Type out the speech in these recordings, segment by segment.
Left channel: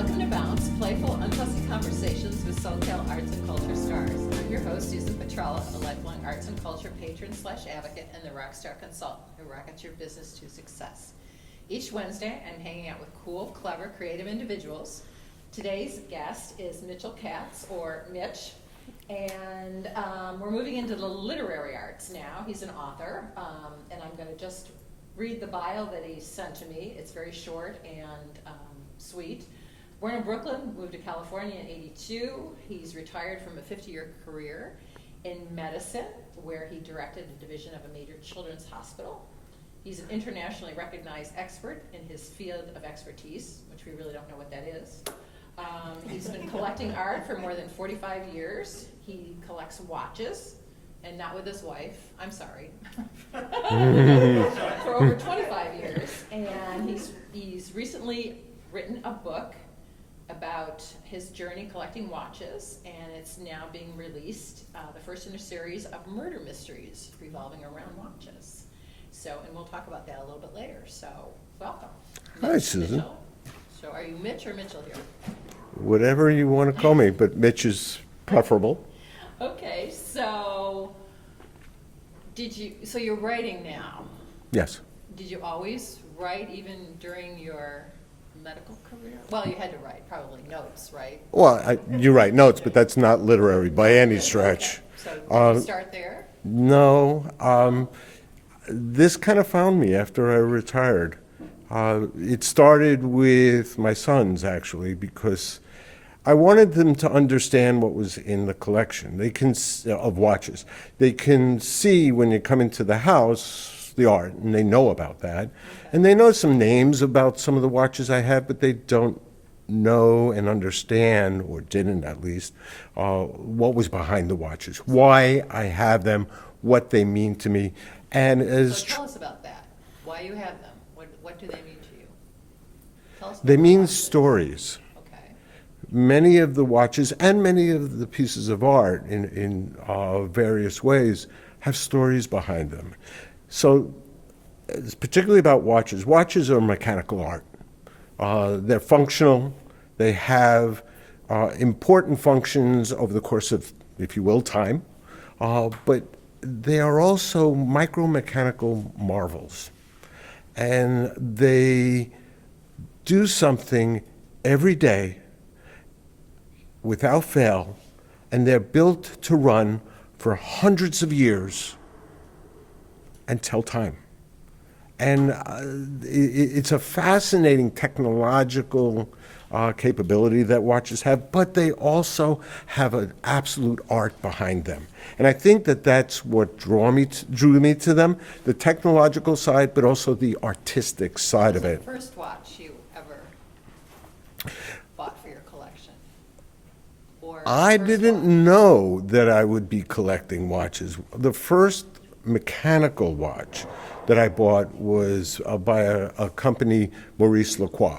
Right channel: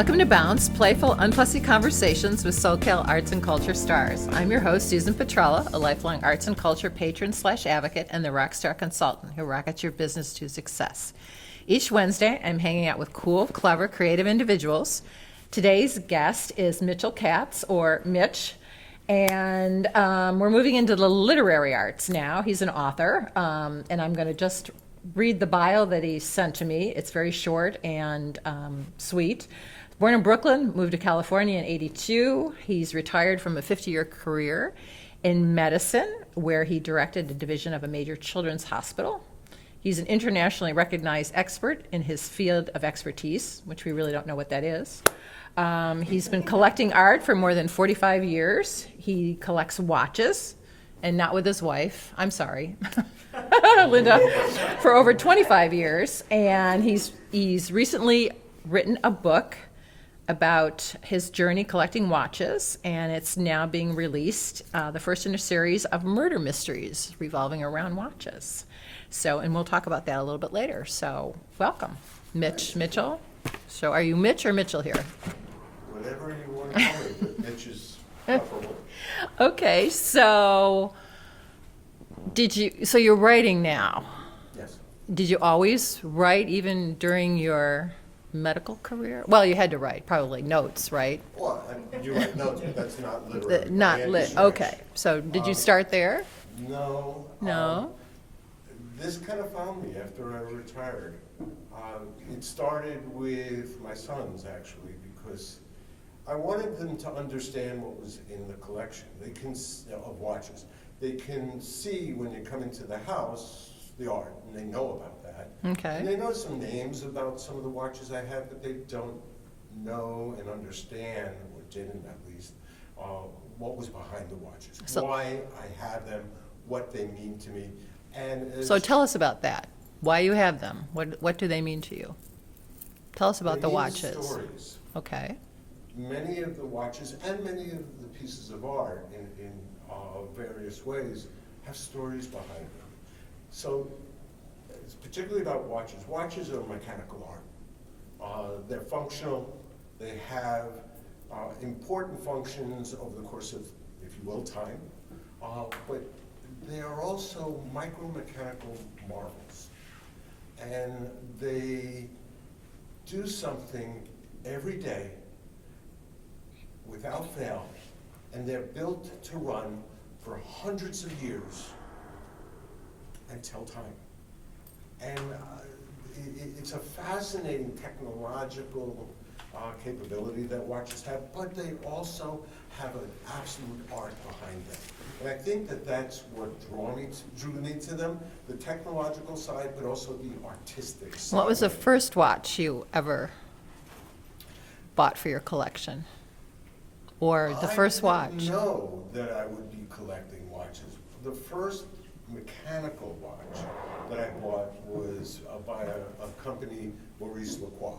Welcome to Bounce, playful, unfussy conversations with SoCal arts and culture stars. I'm your host, Susan Petrella, a lifelong arts and culture patron / advocate and the rockstar consultant who rockets your business to success. Each Wednesday, I'm hanging out with cool, clever, creative individuals. Today's guest is Mitch Katz, or Mitch, and we're moving into the literary arts now. He's an author, and I'm going to just read the bio that he sent to me. It's very short and sweet. Born in Brooklyn, moved to California in '82. He's retired from a 50-year career in medicine, where he directed a division of a major children's hospital. He's an internationally recognized expert in his field of expertise, which we really don't know what that is. He's been collecting art for more than 45 years. He collects watches, and not with his wife, I'm sorry, Linda, for over 25 years. And he's recently written a book about his journey collecting watches, and it's now being released, the first in a series of murder mysteries revolving around watches. So, and we'll talk about that a little bit later. So, welcome, Mitch. Hi, Mitchell. So, are you Mitch or Mitchell here? Whatever you want to call me, but Mitch is preferable. Okay, so so you're writing now. Yes. Did you always write even during your medical career? Well, you had to write probably notes, right? Well, you write notes, but that's not literary by Not any lit. stretch. Okay, so did you start there? No. No? This kind of found me after I retired. It started with my sons, actually, because I wanted them to understand what was in the collection. They can of watches. They can see when you come into the house the art, and they know about that. Okay. And they know some names about some of the watches I have, but they don't know and understand, or didn't at least, what was behind the watches, why I have them, what they mean to me. And So tell us about that. Why you have them? What do they mean to you? Tell us about they the mean watches. stories. Okay. Many of the watches and many of the pieces of art in various ways have stories behind them. So, it's particularly about watches. Watches are mechanical art. They're functional. They have important functions over the course of, if you will, time. But they are also micro-mechanical marvels. And they do something every day without fail, and they're built to run for hundreds of years and tell time. And it's a fascinating technological capability that watches have, but they also have an absolute art behind them. And I think that that's what drew me to them, the technological side, but also the artistic side of it. What was the first watch you ever bought for your collection? Or the I first didn't watch? know that I would be collecting watches. The first mechanical watch that I bought was by a company, Maurice Lacroix.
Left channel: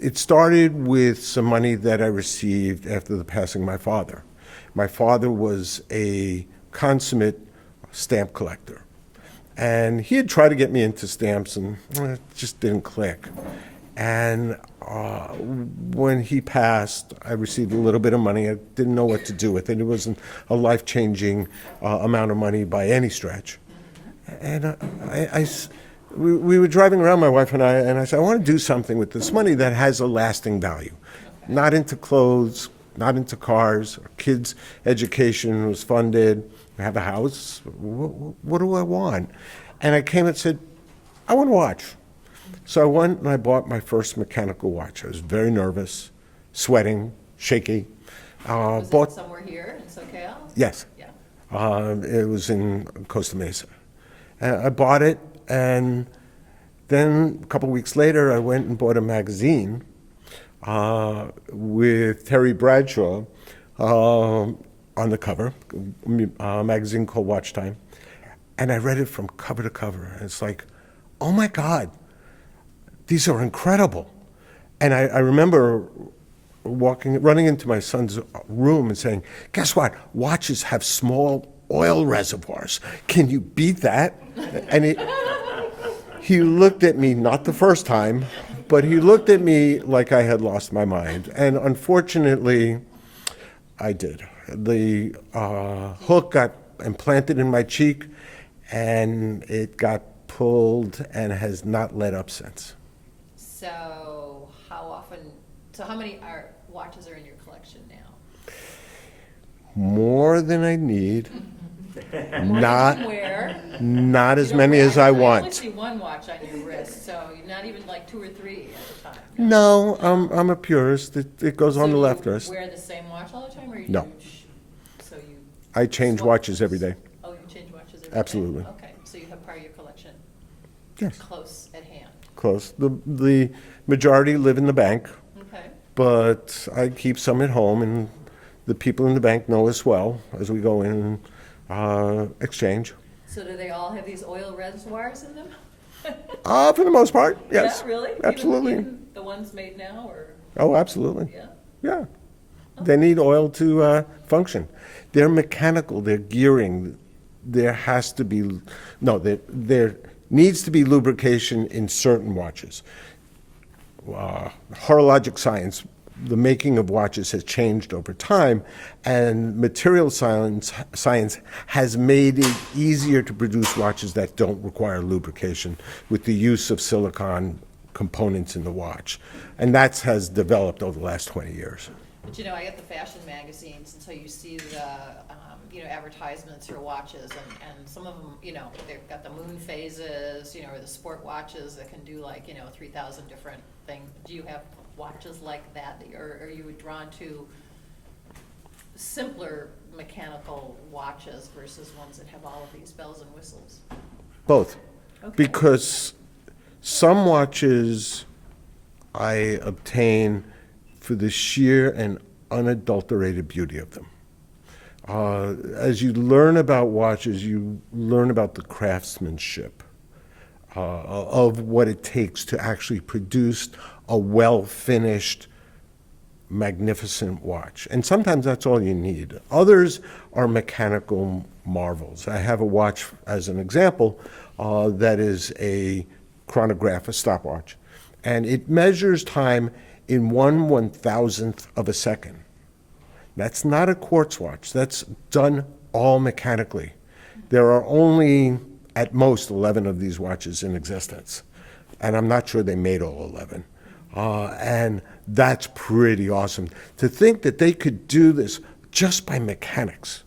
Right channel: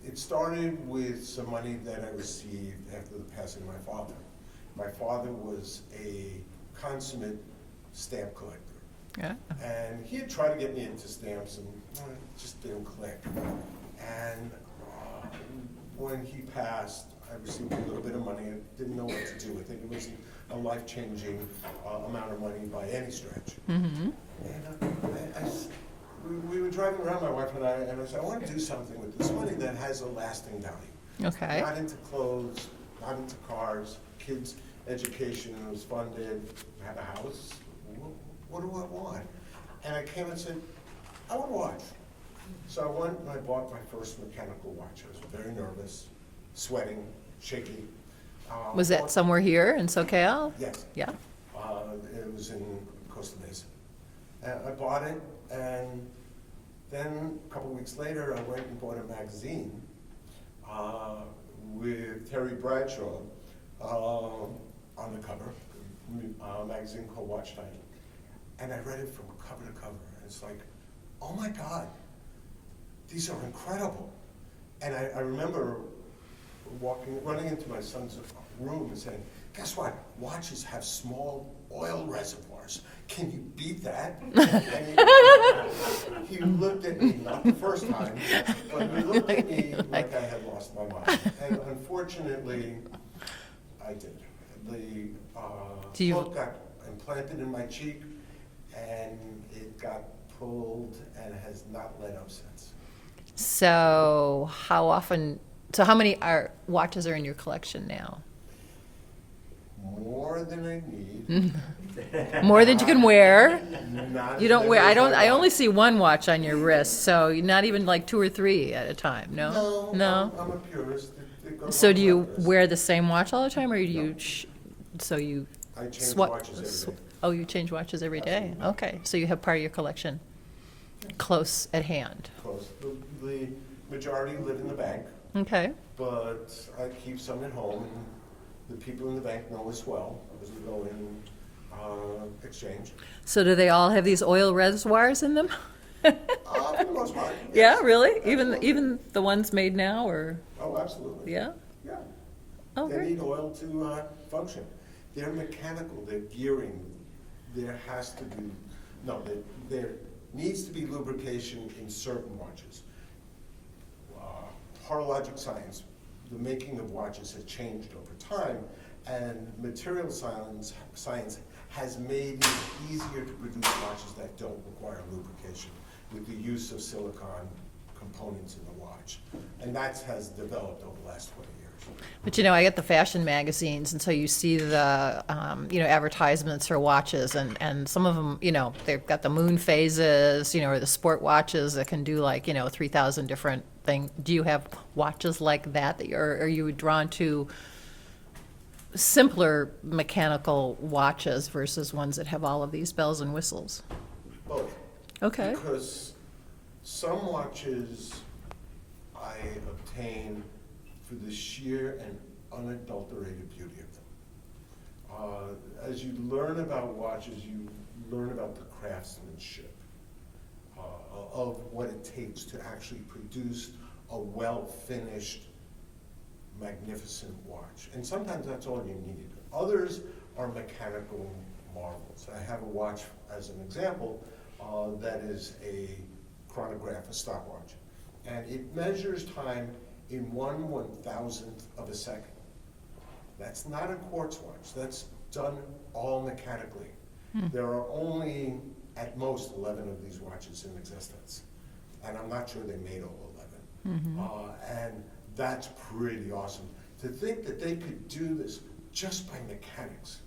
It started with some money that I received after the passing of my father. My father was a consummate stamp collector. Yeah. And he had tried to get me into stamps, and it just didn't click. And when he passed, I received a little bit of money. I didn't know what to do with it. It wasn't a life-changing amount of money by any stretch. Mm-hmm. And we were driving around, my wife and I said, I want to do something with this money that has a lasting value. Okay. Not into clothes, not into cars. Our kids' education was funded. We have a house. What do I want? And I came and said, I want a watch. So I went and I bought my first mechanical watch. I was very nervous, sweating, shaky. Was that somewhere here in SoCal? Yes. Yeah. It was in Costa Mesa. And I bought it, and then a couple weeks later, I went and bought a magazine with Terry Bradshaw on the cover, a magazine called Watch Time. And I read it from cover to cover. And it's like, oh my God, these are incredible. And I remember running into my son's room and saying, guess what? Watches have small oil reservoirs. Can you beat that? And He looked at me, not the first time, but he looked at me like I had lost my mind. And unfortunately, I did. The hook got implanted in my cheek, and it got pulled and has not let up since. So how many watches are in your collection now? More than I need. More than you can wear? Not You as don't many wear, as I I only want. see one watch on your wrist, so you're not even like 2 or 3 at a time, no? No, I'm a purist. It goes So on the do left you wrist. wear the same watch all the time, or do No. you, so you? I change swap- watches every day. Oh, you change watches every day? Absolutely. Okay, so you have part of your collection Yes. close at hand. Close. The majority live in the bank, Okay. but I keep some at home, and the people in the bank know us well as we go in and exchange. So do they all have these oil reservoirs in them? For the most part, yes. Yeah, really? Absolutely. Even the ones made now, or, Oh, absolutely. yeah? Yeah. Oh. They need oil to function. They're mechanical, they're gearing. There has to be, no, there needs to be lubrication in certain watches. Horologic science, the making of watches has changed over time, and material science has made it easier to produce watches that don't require lubrication with the use of silicon components in the watch. And that has developed over the last 20 years. But I get the fashion magazines, and so you see the, advertisements for watches, and some of them, they've got the moon phases, or the sport watches that can do like, 3,000 different things. Do you have watches like that, are you drawn to simpler mechanical watches versus ones that have all of these bells and whistles? Both. Okay. Because some watches I obtain for the sheer and unadulterated beauty of them. As you learn about watches, you learn about the craftsmanship of what it takes to actually produce a well-finished, magnificent watch. And sometimes that's all you need. Others are mechanical marvels. I have a watch, as an example, that is a chronograph, a stopwatch, and it measures time in 1/1000th of a second. That's not a quartz watch. That's done all mechanically. There are only, at most, 11 of these watches in existence. And I'm not sure they made all 11. And that's pretty awesome. To think that they could do this just by mechanics.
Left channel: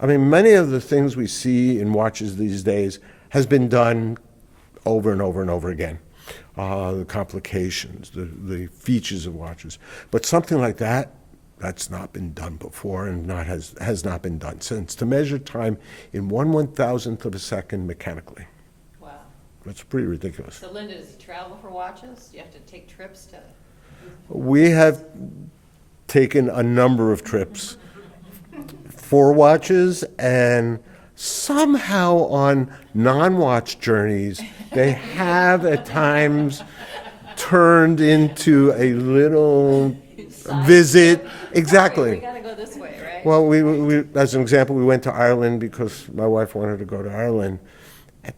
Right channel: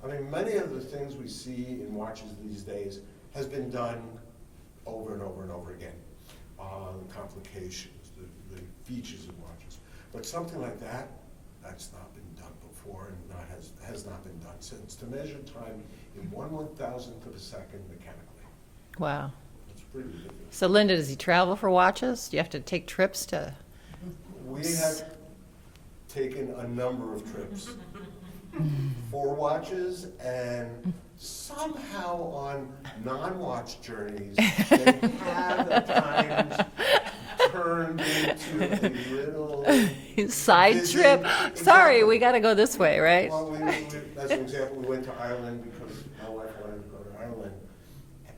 I mean, many of the things we see in watches these days has been done over and over and over again. The complications, the features of watches. But something like that, that's not been done before, and has not been done since. To measure time in 1/1000th of a second mechanically. Wow. That's pretty ridiculous. So Linda, does he travel for watches? Do you have to take trips to? We have taken a number of trips for watches, and somehow on non-watch journeys, they have at times turned into a little Side visit. trip? Exactly. Sorry, we got to go this way, right? Well, we, as an example, we went to Ireland because my wife wanted to go to Ireland.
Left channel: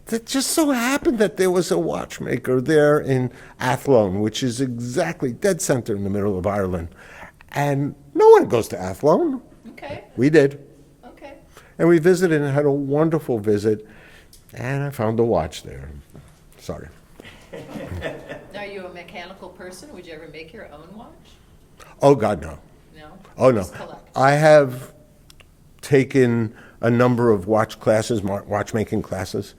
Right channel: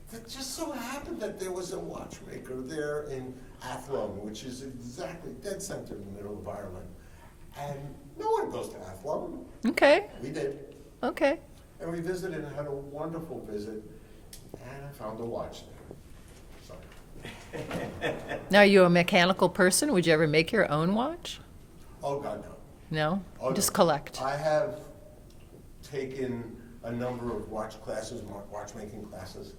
It just so happened that there was a watchmaker there in Athlone, which is exactly dead center in the middle of Ireland. And no one goes to Athlone. Okay, We did. okay. And we visited and had a wonderful visit. And I found a watch there. Sorry. Now, are you a mechanical person? Would you ever make your own watch? Oh, God, no. No? Oh, no. Just collect? I have taken a number of watch classes, watchmaking classes.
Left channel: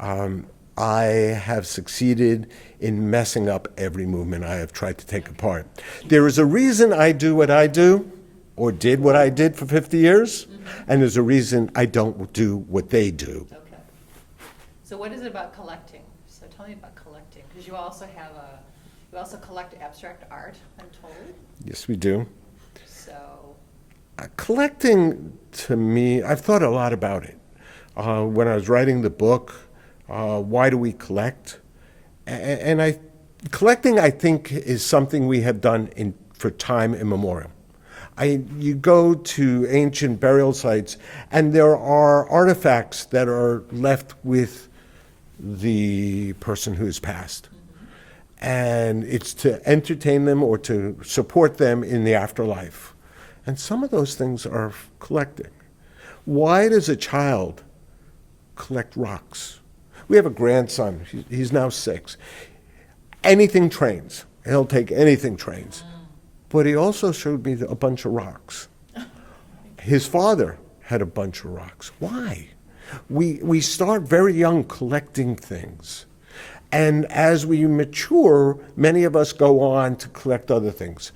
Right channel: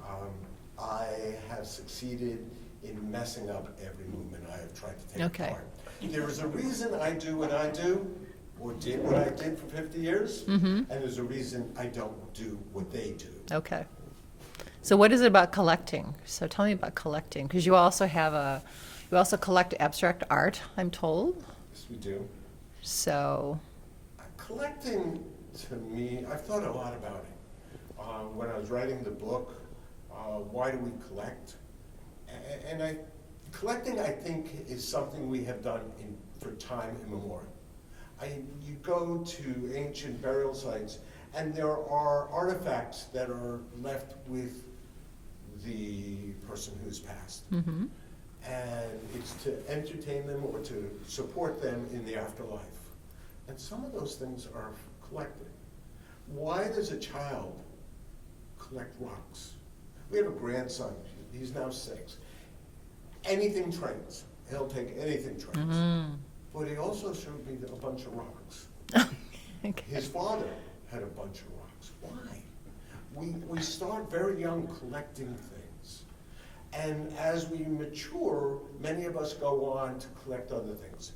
I have succeeded in messing up every movement I have tried to take Okay. apart. There is a reason I do what I do, or did what I did for 50 years, and there's a reason I don't do what they do. Okay. So what is it about collecting? So tell me about collecting, because you also collect abstract art, I'm told. Yes, we do. So, Collecting, to me, I've thought a lot about it. When I was writing the book, Why Do We Collect? And collecting, I think, is something we have done for time immemorial. You go to ancient burial sites, and there are artifacts that are left with the person who's passed. And it's to entertain them or to support them in the afterlife. And some of those things are collecting. Why does a child collect rocks? We have a grandson, he's now 6. Anything trains. He'll take anything trains. But he also showed me a bunch of rocks. His father had a bunch of rocks. Why? We start very young collecting things. And as we mature, many of us go on to collect other things.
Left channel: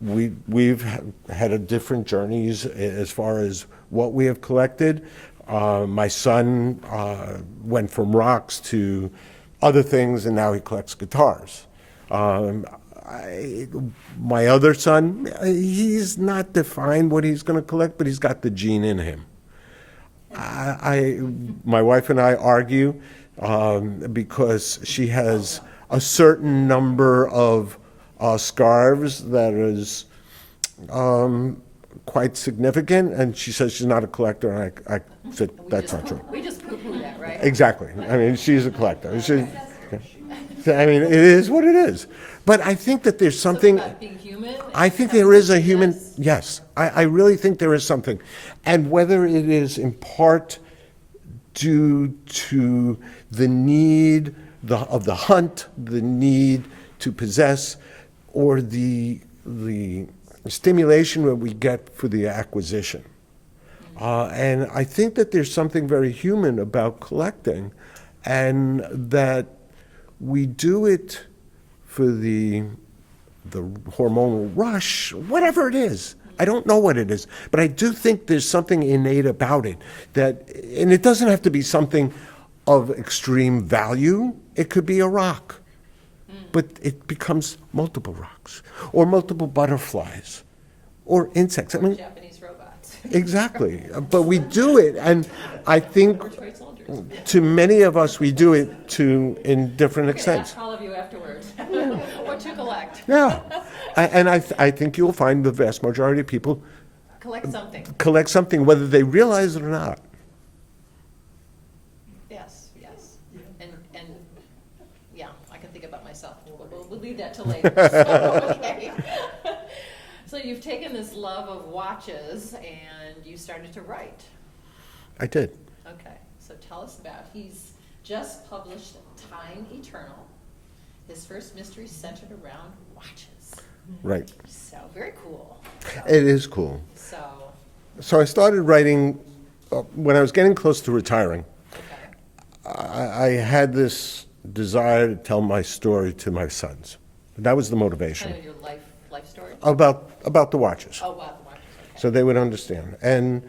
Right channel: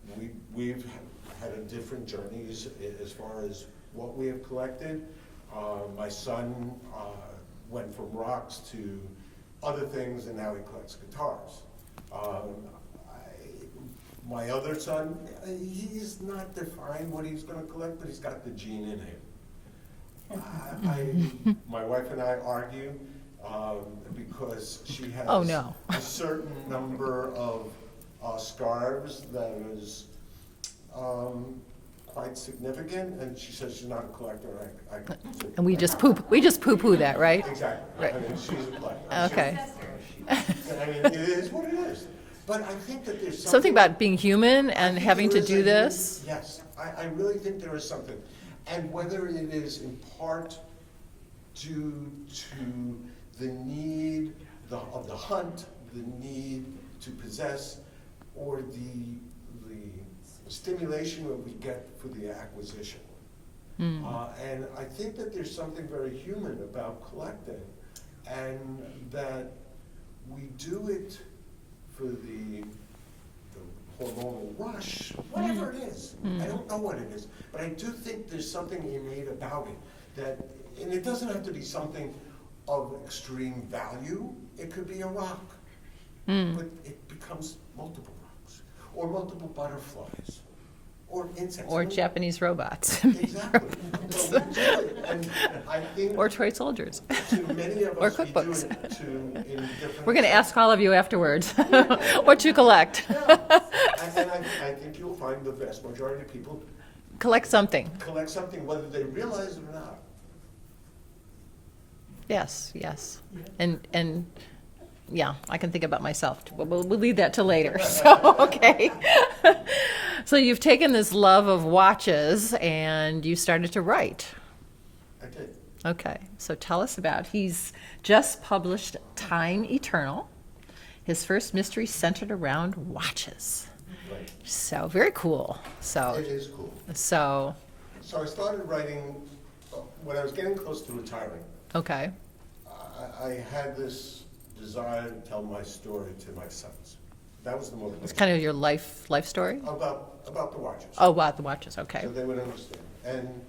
We've had a different journeys as far as what we have collected. My son went from rocks to other things, and now he collects guitars. My other son, he's not defined what he's going to collect, but he's got the gene in him. My wife and I argue because she has a certain number of scarves that is quite significant, and she says she's not a collector, and I said, And we "That's just not true." we just poo-poo that, right? Exactly. I mean, she's a collector. Okay. I mean, it is what it is. But I think that there's Something something. about being human and I think having there to is a do human. this. Yes, I really think there is something, and whether it is in part due to the need of the hunt, the need to possess, or the stimulation that we get for the acquisition. And I think that there's something very human about collecting, and that we do it for the hormonal rush, whatever it is. I don't know what it is, but I do think there's something innate about it that, and it doesn't have to be something of extreme value. It could be a rock, but it becomes multiple rocks, or multiple butterflies, or insects. Or Japanese robots. Exactly, but we do it, and I think Or toy soldiers. to many of us, Or we do cookbooks. it in different We're going to extents. ask all of you afterwards what you collect. Yeah, and I think you'll find the vast majority of people Collect something. collect something, whether they realize it or not. Yes, yes. And yeah, I can think about myself. We'll leave that till later. So, okay. So you've taken this love of watches and you started to write. I did. Okay, so tell us about, he's just published Time Eternal. His first mystery centered around watches. Right. So very cool. So It is cool. So So I started writing when I was getting close to retiring. okay. I had this desire to tell my story to my sons. That was the motivation. Kind of your life story? About the watches. Oh, wow, the watches. Okay. So they would understand. And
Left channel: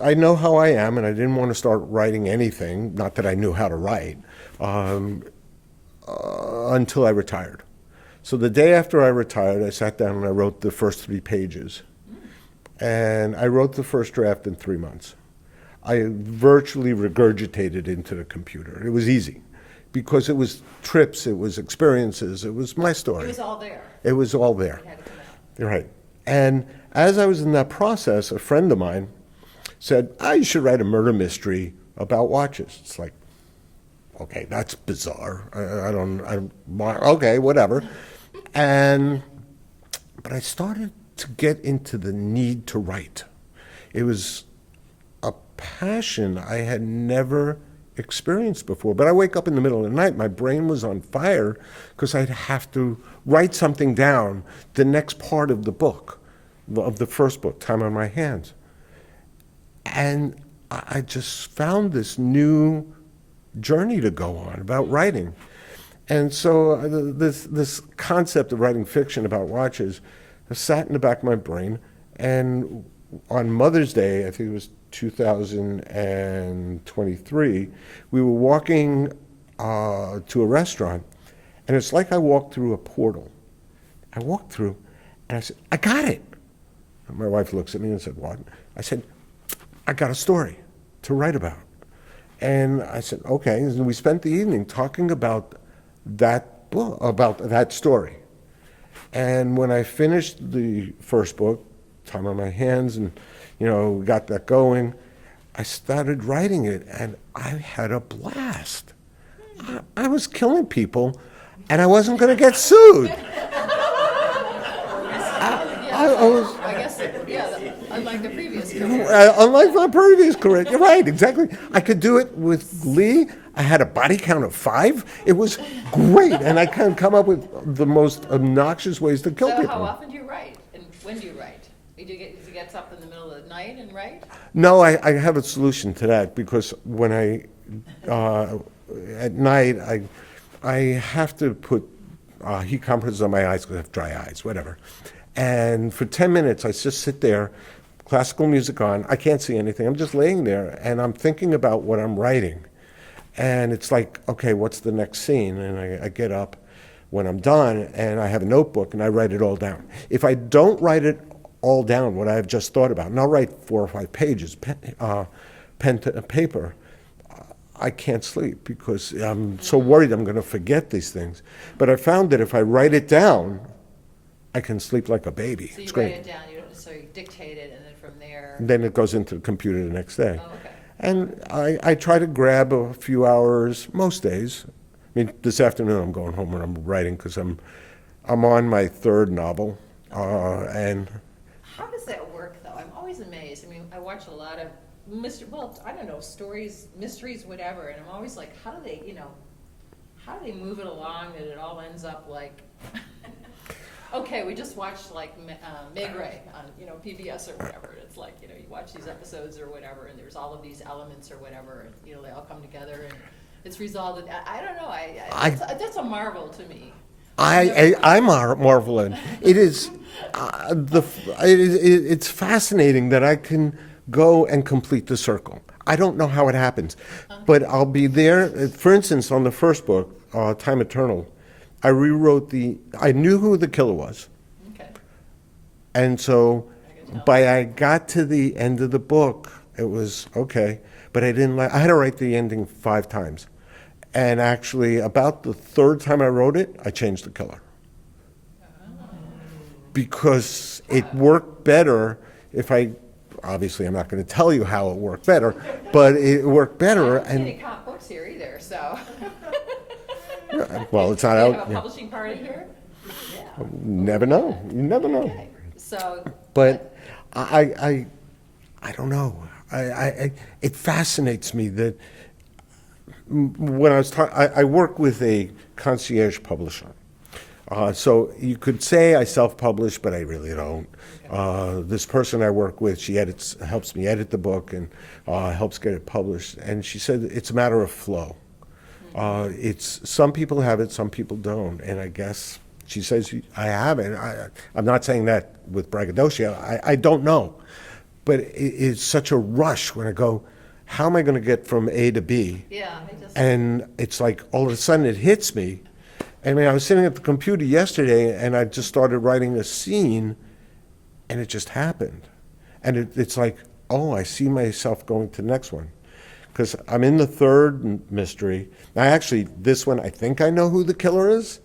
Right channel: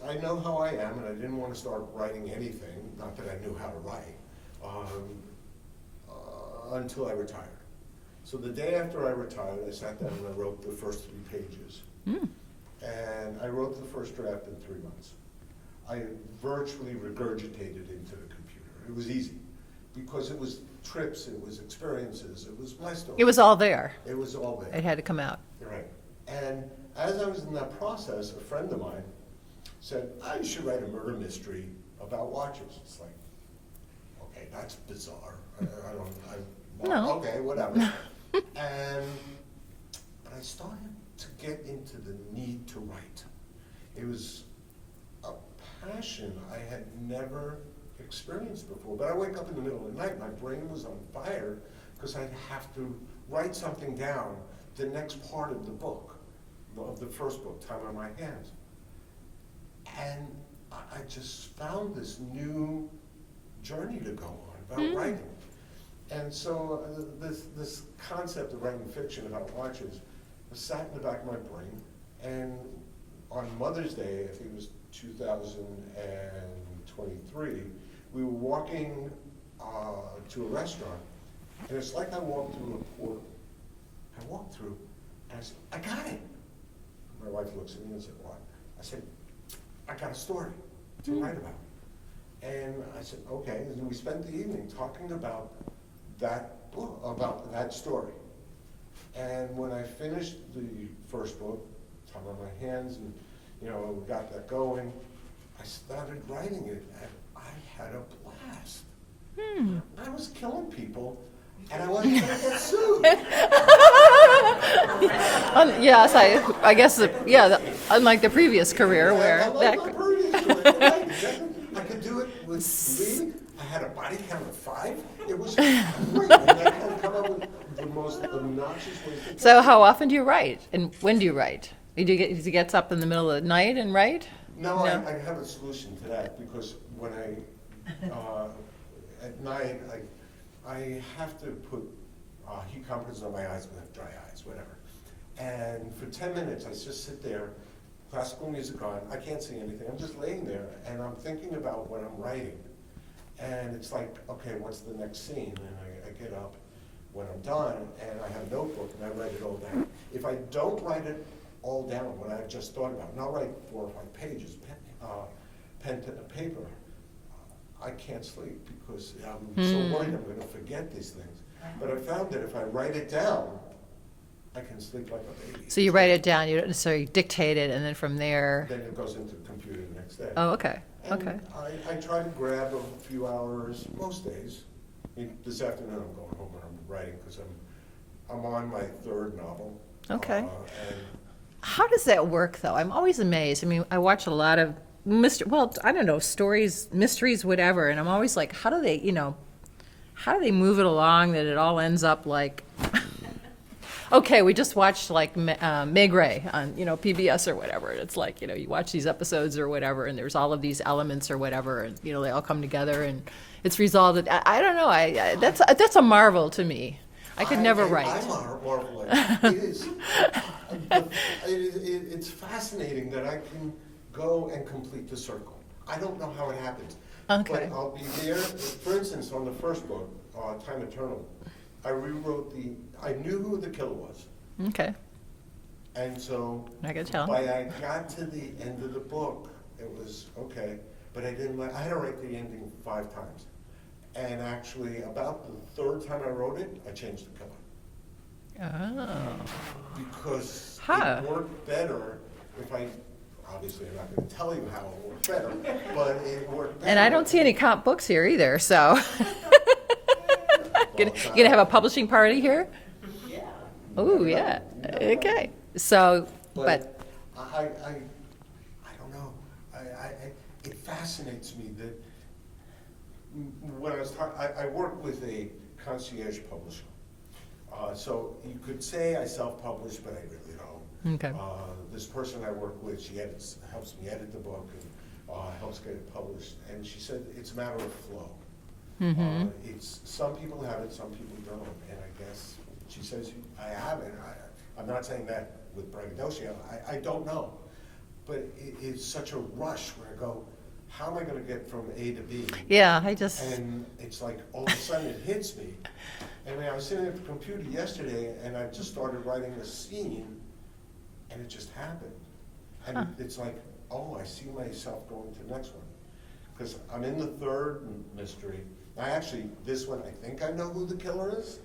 I know how I am, and I didn't want to start writing anything, not that I knew how to write, until I retired. So the day after I retired, I sat down and I wrote the first 3 pages. And I wrote the first draft in 3 months. I virtually regurgitated into the computer. It was easy because it was trips, it was experiences, it was my story. It was all there. It was all there. It had to come out. You're right. And as I was in that process, a friend of mine said, you should write a murder mystery about watches. It's like, okay, that's bizarre. Okay, whatever. But I started to get into the need to write. It was a passion I had never experienced before. But I wake up in the middle of the night, my brain was on fire because I'd have to write something down, the next part of the book, of the first book, Time on My Hands. And I just found this new journey to go on about writing. And so this concept of writing fiction about watches sat in the back of my brain. And on Mother's Day, I think it was 2023, we were walking to a restaurant, and it's like I walked through a portal. I walked through, and I said, I got it. And my wife looks at me and said, what? I said, I got a story to write about. And I said, okay. And we spent the evening talking about that book, about that story. And when I finished the first book, Time on My Hands, and we got that going, I started writing it, and I had a blast. I was killing people, and I wasn't going to get sued. Yes, I guess, unlike the previous career. Unlike my previous career. You're right, exactly. I could do it with Lee. I had a body count of 5. It was great, and I can come up with the most obnoxious ways to kill So people. how often do you write, and when do you write? Do you get up in the middle of the night and write? No, I have a solution to that, because when at night, I have to put heat compresses on my eyes because I have dry eyes, whatever. And for 10 minutes, I just sit there, classical music on. I can't see anything. I'm just laying there, and I'm thinking about what I'm writing. And it's like, okay, what's the next scene? And I get up when I'm done, and I have a notebook, and I write it all down. If I don't write it all down, what I have just thought about, and I'll write 4 or 5 pages, pen to paper, I can't sleep because I'm so worried I'm going to forget these things. But I found that if I write it down, I can sleep like a baby. So you write it down, you don't necessarily dictate it, and then from there. Then it goes into the computer the next day. Oh, okay. And okay. I try to grab a few hours most days. I mean, this afternoon I'm going home and I'm writing because I'm on my 3rd novel. Okay. And How does that work, though? I'm always amazed. I mean, I watch a lot of I don't know, stories, mysteries, whatever, and I'm always like, how do they move it along that it all ends up like, okay, we just watched like Meg Ray on, PBS or whatever. It's like, you watch these episodes or whatever, and there's all of these elements or whatever, and, they all come together and it's resolved. I don't know. That's a marvel to me. I marvel at it. It is, it's fascinating that I can go and complete the circle. I don't know how it happens, but I'll be there. For instance, on the first book, Time Eternal, I rewrote I knew who the killer was. Okay. And so I got to the end of the book, it was okay, but I had to write the ending 5 times. And actually, about the 3rd time I wrote it, I changed the killer. Oh. Because it worked better if obviously I'm not going to tell you how it worked better, but it worked better. And I don't see any cop books here either, so. Well, it's not. You gonna have a publishing party here? Never know. Yeah. You never know. Okay, so. But I don't know. It fascinates me that when I work with a concierge publisher. So you could say I self-publish, but I really don't. Okay. This person I work with, she helps me edit the book and helps get it published. And she said it's a matter of flow. Mm-hmm. It's some people have it, some people don't. And I guess she says I have it. I'm not saying that with braggadocio. I don't know, but it's such a rush when I go, how am I going to get from A to B? Yeah, And it's like all of a sudden it hits me. I mean, I was sitting at the computer yesterday and I just started writing a scene and it just happened. And it's like, oh, I see myself going to the next one. Because I'm in the 3rd mystery. Now, actually, this one, I think I know who the killer is.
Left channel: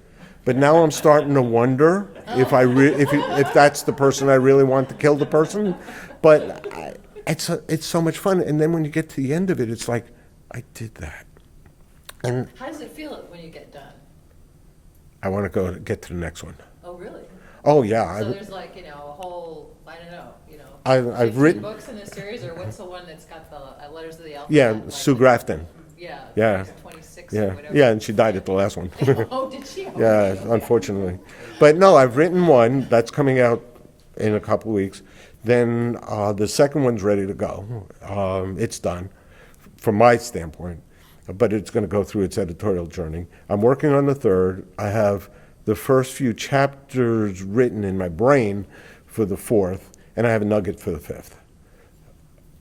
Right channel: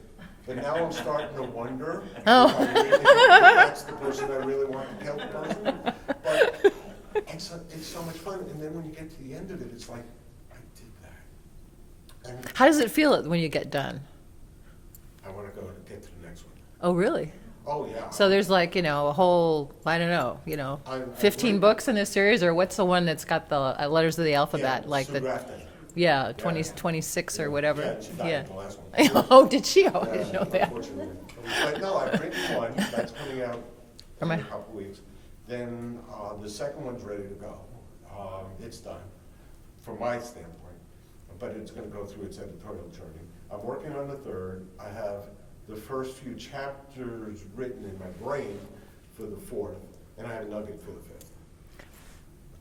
But now I'm starting to wonder if that's the person I really want to kill the person. But it's so much fun. And then when you get to the end of it, it's like, I did that. And how does it feel when you get done? I want to get to the next one. Oh, really? Oh, yeah. So there's like, a whole, I don't know, I've 15 books in this series, or what's the one that's got the letters of the alphabet? Yeah, like Sue Grafton. Yeah, 26 or whatever. Yeah, and she died at the last one. Oh, did she? Oh, yeah, unfortunately. But no, I've written one that's coming out in a couple of weeks. Then the second one's ready to go. It's done from my standpoint, but it's going to go through its editorial journey. I'm working on the 3rd. I have the first few chapters written in my brain for the 4th, and I have a nugget for the 5th.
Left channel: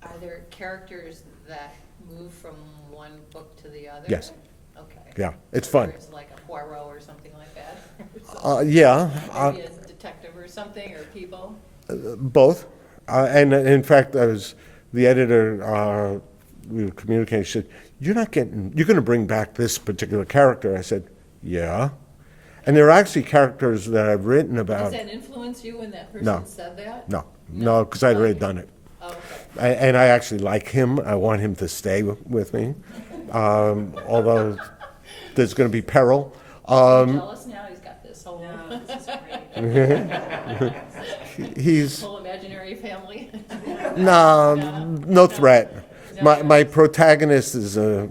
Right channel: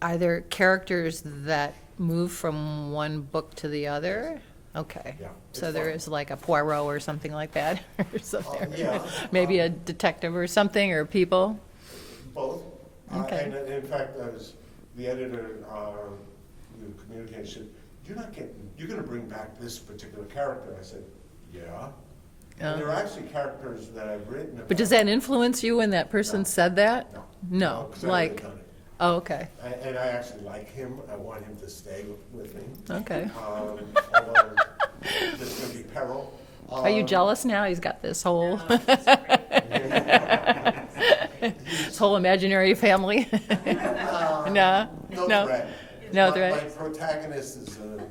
Are there characters that move from one book to the other? Yes. Okay. Yeah, it's so fun. There's like a Poirot or something like that? Yeah. Maybe a detective or something, or people? Both. And in fact, the editor, we were communicating, she said, you're going to bring back this particular character. I said, yeah. And there are actually characters that I've written about. But does that influence you when that person said that? No, because I've already done it. Oh, okay. And I actually like him. I want him to stay with me. Okay. Although there's going to be peril. Are you jealous now? He's got this whole He's whole imaginary family. no, No? no No. threat. No My threat. protagonist is a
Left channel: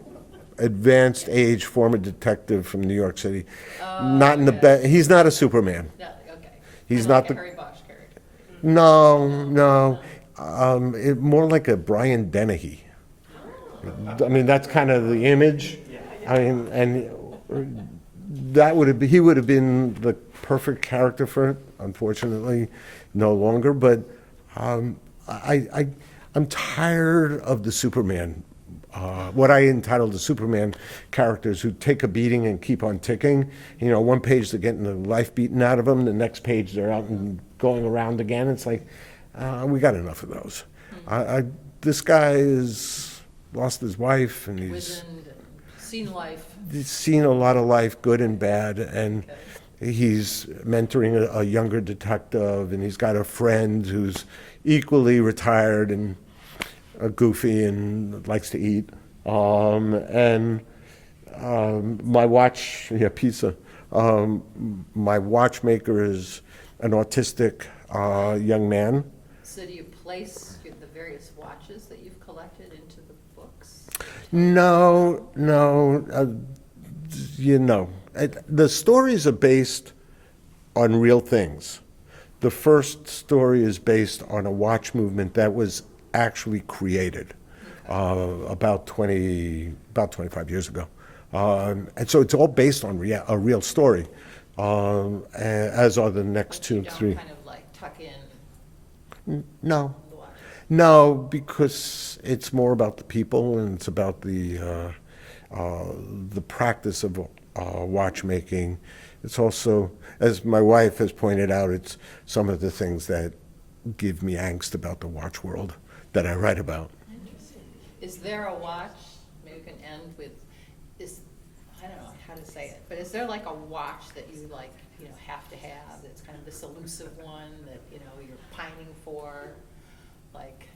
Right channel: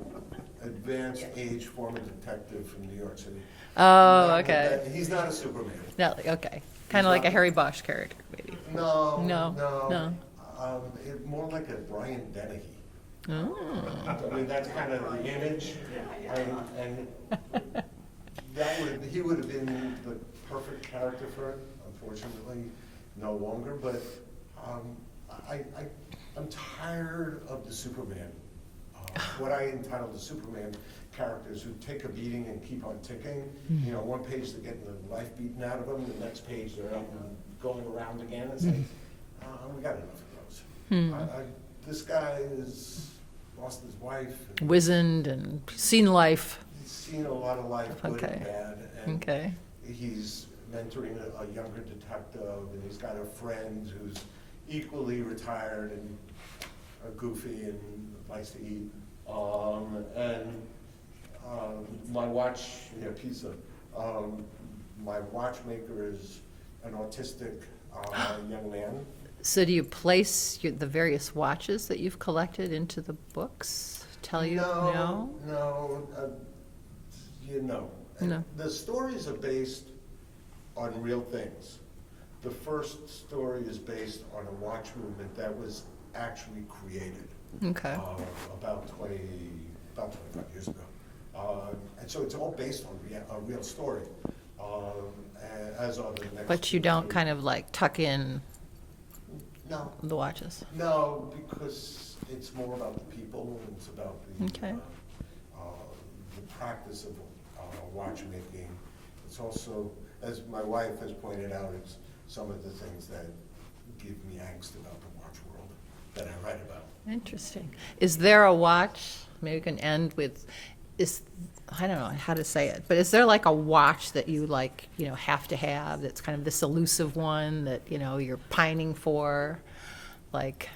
advanced age former detective from New York City. Oh, Not in the okay. He's not a Superman. No, okay. He's Kind of not like a the- Harry Bosch character, maybe. No, No, no. More like a Brian Dennehy. I mean, that's kind of the image. I mean, and he would have been the perfect character for it. Unfortunately, no longer. But I'm tired of the Superman. What I entitled the Superman characters who take a beating and keep on ticking. You know, one page they're getting the life beaten out of them, the next page they're out and going around again. It's like, we got enough of those. This guy has lost his wife and Wizened and seen life. he's seen a lot of life, good and Okay. bad, and Okay. he's mentoring a younger detective, and he's got a friend who's equally retired and goofy and likes to eat. My watch, pizza. My watchmaker is an autistic young man. So do you place the various watches that you've collected into the books? Tell you- No. The stories are based on real things. The first story is based on a watch movement that was actually created Okay. about 25 years ago. And so it's all based on a real story, as are the next But two, you don't three. kind of like tuck in No. the watches? No, because it's more about the people and it's about the practice of watchmaking. It's also, as my wife has pointed out, it's some of the things that give me angst about the watch world that I write about. Interesting. Is there a watch, maybe we can end with, I don't know how to say it, but is there like a watch that you like, have to have, that's kind of this elusive one that, you're pining for? Like,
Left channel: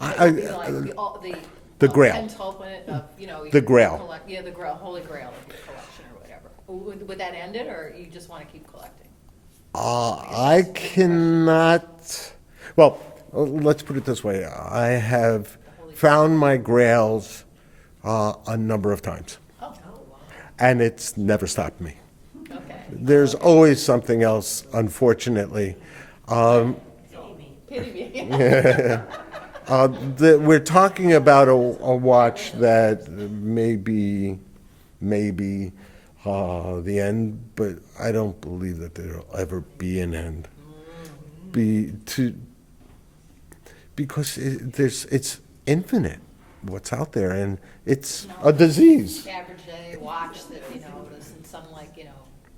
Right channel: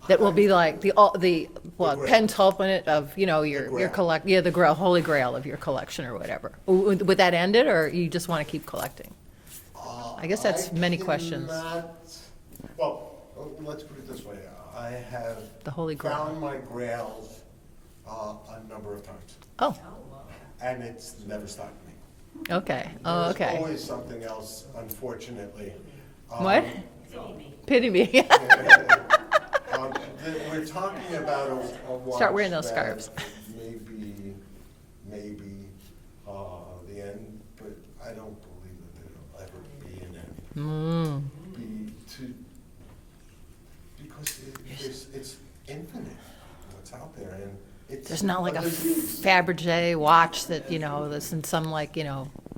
that would be like the Grail. pentultimate of, your Grail. the Grail, holy Grail of your collection or whatever. Would that end it, or you just want to keep collecting? I guess that's many questions. cannot, well, let's put it this way. I have The Holy Grail. found my grails a number of times, Oh, and it's never stopped me. okay. Oh, There's okay. always something else, unfortunately. What? Pity me. We're talking about a watch wearing those that scarves. may be the end, but I don't believe that there'll ever be an end. Because it's infinite what's out there, and It's it's not a like disease. Fabergé watch that, that's in some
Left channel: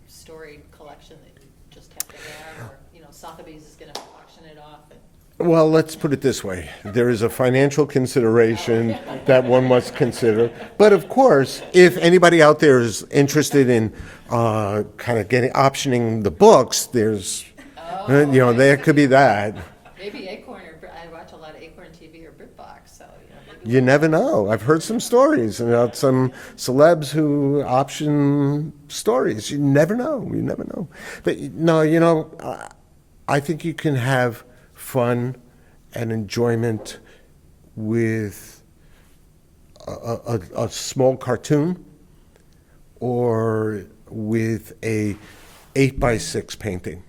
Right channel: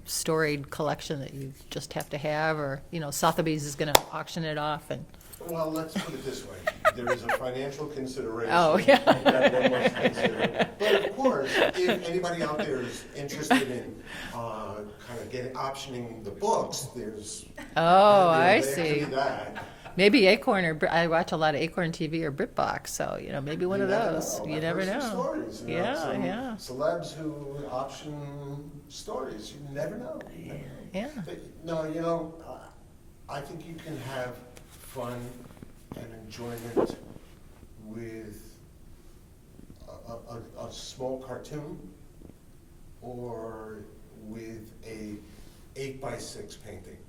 storied collection that you just have to have, or, Sotheby's is gonna auction it off and, Well, let's put it this way. There is a financial consideration Oh, yeah. that one must consider. But of course, if anybody out there is interested in kind of optioning the books, there's, oh, I there could be see. that. Maybe Acorn I watch a lot of Acorn TV or BritBox, so, maybe one You of never those. know. You I've never heard some know. stories about Yeah, some yeah. celebs who option stories. You never know. You never know. Yeah. But no, I think you can have fun and enjoyment with a small cartoon or with a 8x6 painting.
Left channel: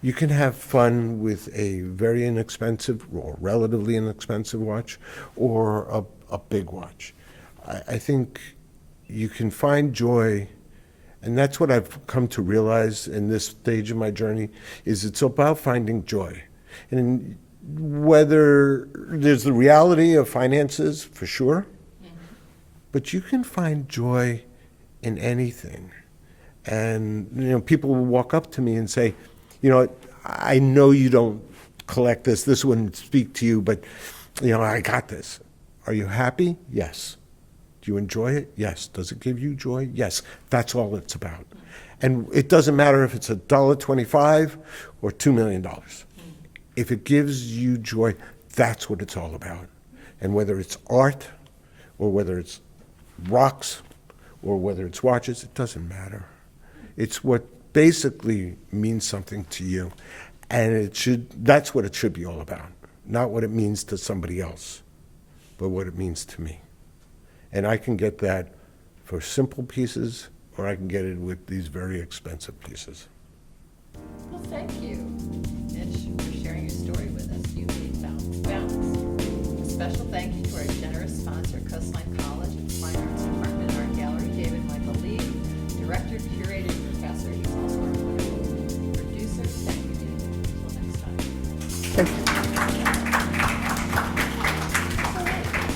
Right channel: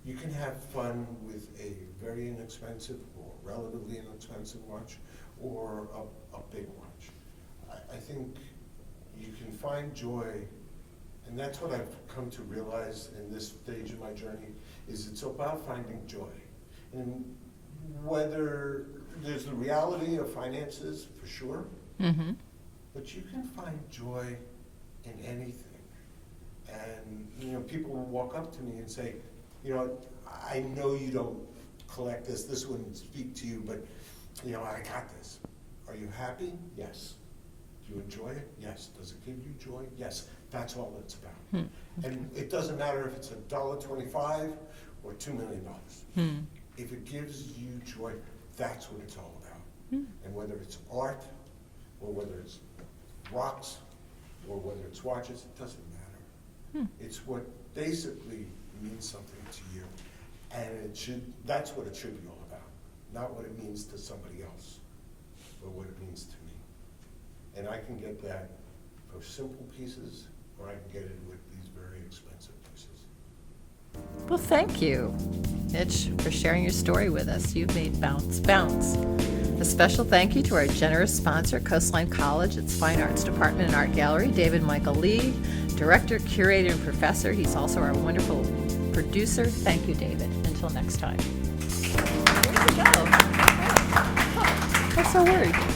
You can have fun with a very inexpensive or relatively inexpensive watch or a big watch. I think you can find joy, and that's what I've come to realize in this stage of my journey, is it's about finding joy. And whether there's the reality of finances, for sure, but you can find joy in anything. And people will walk up to me and say, I know you don't collect this. This wouldn't speak to you, but I got this. Are you happy? Yes. Do you enjoy it? Yes. Does it give you joy? Yes. That's all it's about. And it doesn't matter if it's $1.25 or $2 million. If it gives you joy, that's what it's all about. And whether it's art or whether it's rocks or whether it's watches, it doesn't matter. It's what basically means something to you. And that's what it should be all about. Not what it means to somebody else, but what it means to me. And I can get that for simple pieces, or I can get it with these very expensive pieces. Well, thank you, Mitch, for sharing your story with us. You made bounce, bounce. A special thank you to our generous sponsor, Coastline College, its Fine Arts Department and Art Gallery, David Michael Lee, Director, Curator, and Professor. He's also our wonderful producer. Thank you, David. Until next time. That's a word.